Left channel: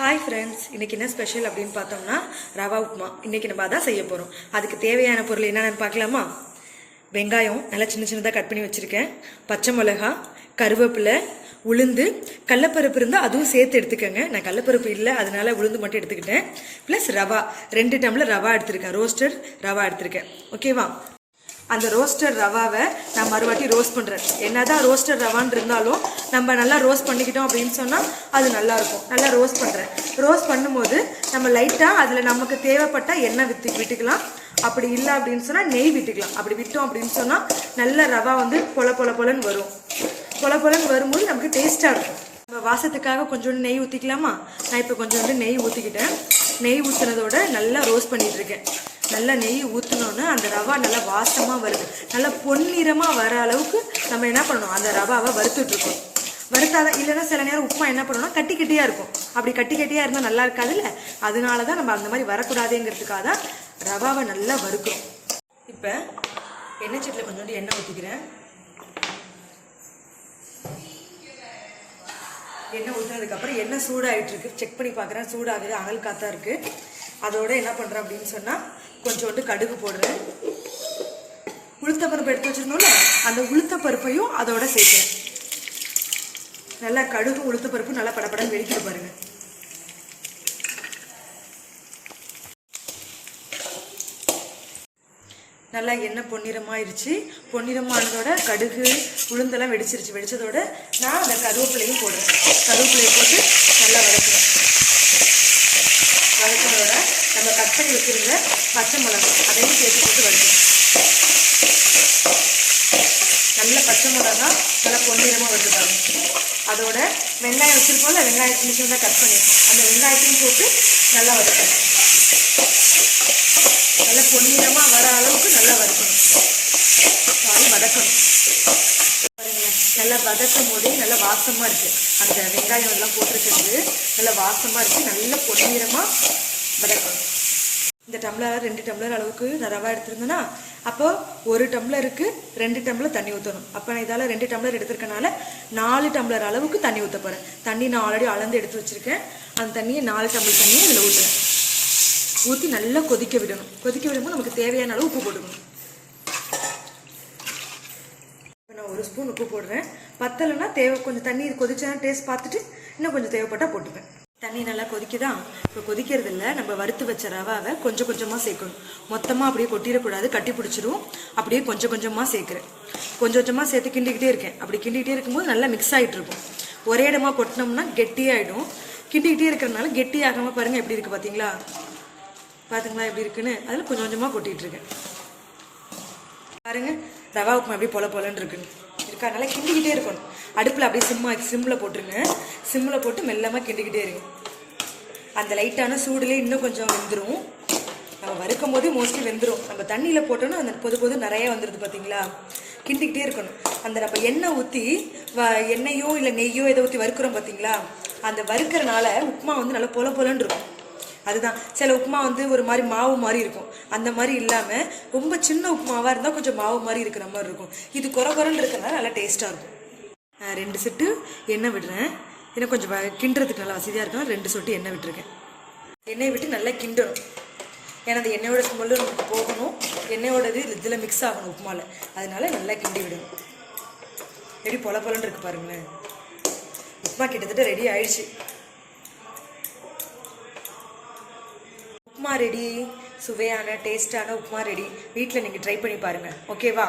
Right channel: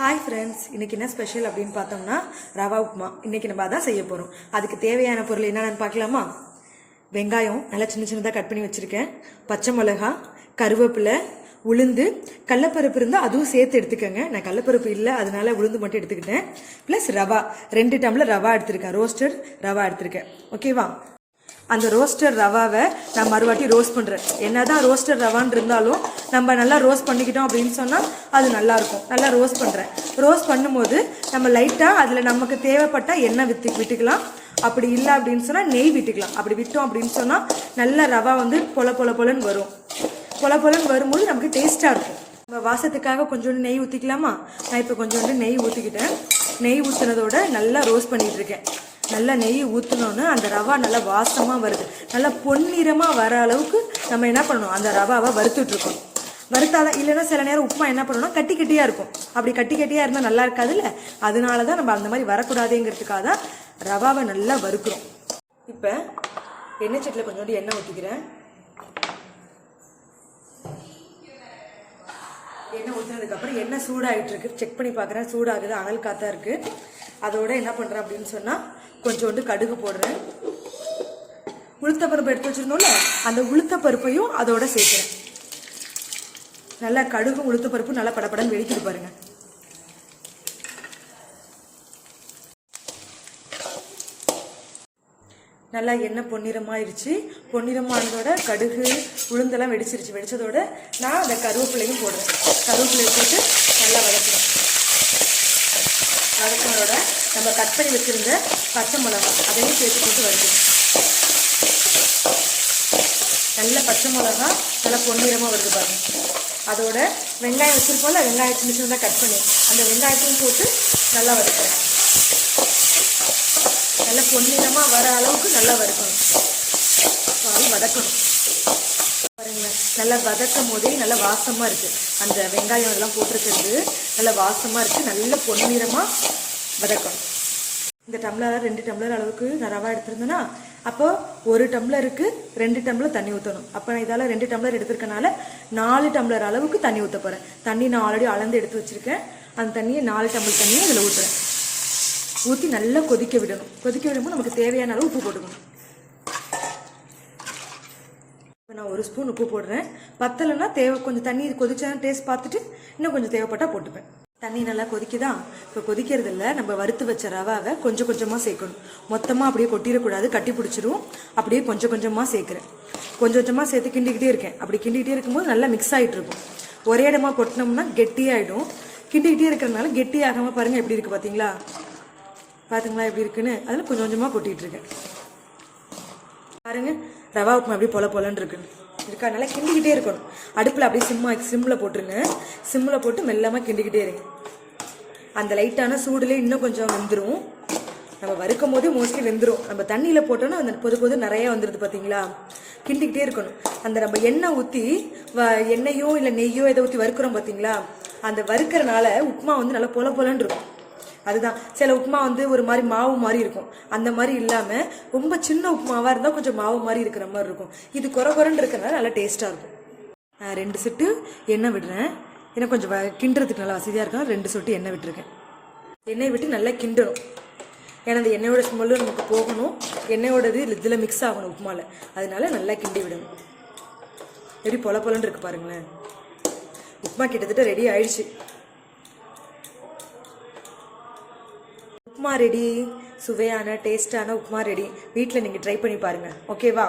Hi friends இன்னைக்கு என்ன special அப்படின்னு பார்த்தோம்னா ரவா உப்புமா இன்றைக்கி நம்ம அதான் செய்ய போகிறோம் அதுக்கு தேவையான பொருள் என்னென்னு பார்க்கலாமா? வெங்காயம் நல்லா சின்ன சின்னதாக கட் பண்ணி வச்சுருக்கேன். பச்சை மிளகா கருவேப்பிலை உளுந்து கடலப்பருப்பு இருந்தால் அதுவும் சேர்த்து எடுத்துக்கோங்க. நான் கடலப்பருப்பு இல்லை அதனால உளுந்து மட்டும் எடுத்துக்கிட்டேன். ப்ளஸ் ரவா ரெண்டு டம்ளர் ரவா எடுத்திருக்கேன். ரோஸ்டட் ரவா எடுத்திருக்கேன். ஓகேவா அந்த ரோஸ்டர் ரவாவை நான் மறுவாட்டி ரோஸ்ட் பண்ணுறேன் என்ன தான் ரோஸ்டர் ரவான்னு இருந்தாலும் நம்ம நல்லா ரோஸ்ட் பண்ணிக்கிட்டோம் அப்படின்னு சொன்னால் அது நல்லாயிருக்கும். நல்லா ரோஸ்ட் பண்ணுறேன் ரோஸ்ட் பண்ணும்போது நம்ம லைட்டாக அதில் நமக்கு தேவைப்பட்ட எண்ணெய் வித்து விட்டுக்கலாம். அப்படி இல்லை அப்படின்னு சொன்னால் நெய் விட்டுக்கலாம். அப்படி விட்டோம் அப்படின்னு சொன்னால் நல்ல ரவா வந்து பொல பொல பொலன்னு வரும். பொல பொலன்னு வரும்போது நமக்கு டேஸ்ட்டாக இருக்கும். நம்ம வாசத்துக்காக கொஞ்சோண்டு நெய் ஊற்றிக்கலாமா நான் இப்போ கொஞ்சோண்டு நெய் ஊற்றிக்கிட்டேன் நெய் ஊற்றுனதோட நல்லா ரோஸ்ட் பண்ணிகிட்ருக்கேன் இருக்கேன். நல்லா நெய் ஊற்றினோன்னு அந்த ரவா நல்லா வாசமாக வருது. நல்லா பொன்னிறமாக வர அளவுக்கு நம்ம என்ன பண்ணணும்? அந்த ரவாவை வறுத்துட்ருக்கோம் வறுத்தால இல்லைன்னா சில நேரம் உப்புமா என்ன பண்ணணும் கட்டி கட்டியாக இருக்கும். அப்படி கட்டி கட்டியாக இருந்தால் நல்லா இருக்காதுல்ல அதனால தான் நம்ம அந்த மாதிரி வரக்கூடாதுங்கிறதுக்காக தான் ரவாவை நல்லா வறுக்கிறோம். இப்போ எண்ணெய் சட்டியில் கொஞ்சோண்டு எண்ணெய் ஊற்றிக்கிறேன் எண்ணெய் ஊற்றினதுக்கப்புறம் எண்ணெய் சூடாகிட்டு இருக்கு. செக் பண்ணி பார்க்குறேன் சூடாகுது அனல் காத்தா இருக்குது அதோட என்ன பண்ணுறேன் அப்படின்னு சொன்னால் கொஞ்சோண்டு கடுகு போடுறேன். உளுத்த பருப்பு எடுத்து வச்சுருந்தோம்ல அந்த உளுத்த பருப்பையும் அதோட சேர்க்குறேன். நல்லா கடுகு உளுத்த பருப்பு நல்லா படப்படன்னு வெடிக்கிட்டு பாருங்க. நல்லா எண்ணெய் பொன்னிறமாயிருச்சு. பொன்னிறமானதோட கடுகு உளுந்தெல்லாம் வெடிச்சிருச்சு. வெடிச்சதோட நான் அந்த கருவேப்பிலையும் போடுறேன். கருவேப்பிலையை போட்டு நல்லா வதக்குறேன். வதக்கினதோட நம்ம கட் பண்ணி பச்சை மிளகா அதையும் சேர்த்து போட்டு வதக்கணும். நல்ல பச்சை மிளகா நல்லா பொன்னிறமாக வருது பாருங்க. அதோட வெங்காயம் வச்சிருக்கோம்ல வெங்காயம் சின்ன சின்னதாக கட் பண்ணி அந்த வெங்காயத்தையும் போட்டு நல்லா வதக்கணும். நல்லா பொன்னிறமாக வர அளவுக்கு நல்லா வதக்கணும். வதக்கணும். நல்லா வதக்கும் போதே நல்லா வாசமாக இருக்குது அந்த வெங்காயம் இதெல்லாம் போட்டிருக்கிறது நல்லா வாசமாக இருக்குது நல்ல பொன்னிறமாக வதக்கணும். இந்த டம்ளர் ரெண்டு டம்ளர் அளவுக்கு நான் ரவா எடுத்திருந்தேன்னா அப்போ ஒரு டம்ளருக்கு ரெண்டு டம்ளர் தண்ணி ஊற்றணும் அப்போ நான் இதால் ரெண்டு டம்ளர் எடுத்திருக்கனால நாலு டம்ளர் அளவுக்கு தண்ணி ஊற்ற போகிறேன் தண்ணி நான் ஆல்ரெடி அளந்து எடுத்து வச்சிருக்கேன். அந்த தண்ணியை நாலு டம்ளர் தண்ணியை அதில் ஊற்றுறேன் ஊற்றி நல்லா கொதிக்க விடணும். கொதிக்க விடும்போது நமக்கு தேவையான அளவு உப்பு போட்டுக்கணும் இப்போ நான் ஒரு ஸ்பூன் உப்பு போடுறேன். பத்தலைன்னா தேவை கொஞ்சம் தண்ணி கொதிச்சா டேஸ்ட் பார்த்துட்டு இன்னும் கொஞ்சம் தேவைப்பட்டா போட்டுப்பேன். தண்ணி நல்லா கொதிக்குதா? இப்போ கொதிக்கிறது இல்லை நம்ம வறுத்து வச்ச ரவாவை கொஞ்சம் கொஞ்சமாக சேர்க்கணும். மொத்தமாக அப்படியே கொட்டிடக்கூடாது கட்டி பிடிச்சிரும். அப்படியே கொஞ்சம் கொஞ்சமாக சேர்க்குறேன். கொஞ்சம் கொஞ்சமாக சேர்த்து கிண்டிக்கிட்டே இருக்கேன். அப்படி கிண்டிக்கிட்டே இருக்கும்போது நல்லா மிக்ஸ் ஆகிட்டு இருக்கும் ஒரே இடமா கொட்டினோம்னா கெட்டியாகிடும் கிண்டிக்கிட்டே இருக்கிறதுனால கெட்டி ஆகாமல் பாருங்கள் எப்படி இருக்குது பார்த்தீங்களா பார்த்துங்களா எப்படி இருக்குன்னு? அதில் கொஞ்சம் கொஞ்சமாக கொட்டிகிட்டு இருக்கேன். பாருங்கள் ரவா உப்புமா அப்படியே பொல பொலன்னு இருக்குன்னு இருக்கா. நல்லா கிண்டிக்கிட்டே இருக்கணும். அடுப்பில் அப்படியே சிம்மா சிம்மில் போட்டுருங்க. சிம்மில் போட்டு மெல்லமாக கிண்டிக்கிட்டே இருங்க. அந்த லைட்டான சூடுலேயே இன்னும் கொஞ்சம் வெந்துடும் நம்ம வறுக்கும் போது மோஸ்ட்லி வெந்துடும் நம்ம தண்ணியில் போட்டோன்னா அந்த பொது பொது நிறைய வந்துடுது பார்த்தீங்களா கிண்டிக்கிட்டே இருக்கணும். அந்த நம்ம எண்ணெய் ஊற்றி வ எண்ணெயோ இல்லை நெய்யோ எதை ஊற்றி வறுக்கிறோம் பார்த்தீங்களா அந்த வறுக்கிறனால உப்புமா வந்து நல்லா பொல பொலன்னு இருக்கும். அதுதான். சில உப்புமா வந்து ஒரு மாதிரி மாவு மாதிரி இருக்கும். அந்த மாதிரி இல்லாமல் ரொம்ப சின்ன உப்புமாவாக இருந்தால் கொஞ்சம் மாவு மாதிரி இருக்கிற மாதிரி இருக்கும். இது குறை குறைன்னு இருக்கிறனால நல்லா டேஸ்ட்டாக இருக்கும். ரெண்டு செட்டு எண்ணெய் விடுறேன். ஏன்னா கொஞ்சம் வ- கிண்டுறதுக்கு நல்லா வசதியாக இருக்கும் ரெண்டு சொட்டு எண்ணெய் விட்டுருக்கேன். எண்ணெய் விட்டு நல்லா கிண்டணும். ஏன்னா அந்த எண்ணெயோட ஸ்மெல்லும் நமக்கு போகணும். எண்ணெயோடது இதில் மிக்ஸ் ஆகணும் உப்புமாவில் அதனால நல்லா கிண்டி விடணும். எப்படி பொல பொலன்னு இருக்கு பாருங்களேன். உப்புமா கிட்டத்தட்ட ரெடி ஆயிடுச்சு. உப்புமா ரெடி சுவையான டேஸ்டான உப்புமா ரெடி வீட்டில் நீங்கள் ட்ரை பண்ணி பாருங்கள் ஓகேவா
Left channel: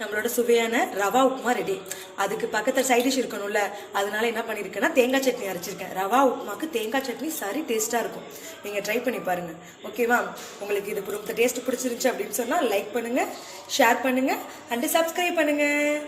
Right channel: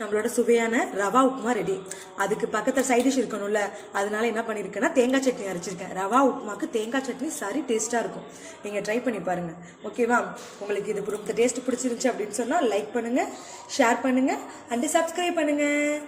நம்மளோட சுவையான ரவா உப்புமா ரெடி அதுக்கு பக்கத்தில் சைட் டிஷ் இருக்கணும்ல அதனால என்ன பண்ணியிருக்கேன்னா தேங்காய் சட்னி அரைச்சிருக்கேன். ரவா உப்புமாக்கு தேங்காய் சட்னி சரி டேஸ்ட்டாக இருக்கும். நீங்கள் ட்ரை பண்ணி பாருங்கள் ஓகேவா உங்களுக்கு இது இந்த டேஸ்ட் பிடிச்சிருந்துச்சு அப்படின்னு சொன்னால் லைக் பண்ணுங்கள் ஷேர் பண்ணுங்கள் அண்டு சப்ஸ்கிரைப் பண்ணுங்கள்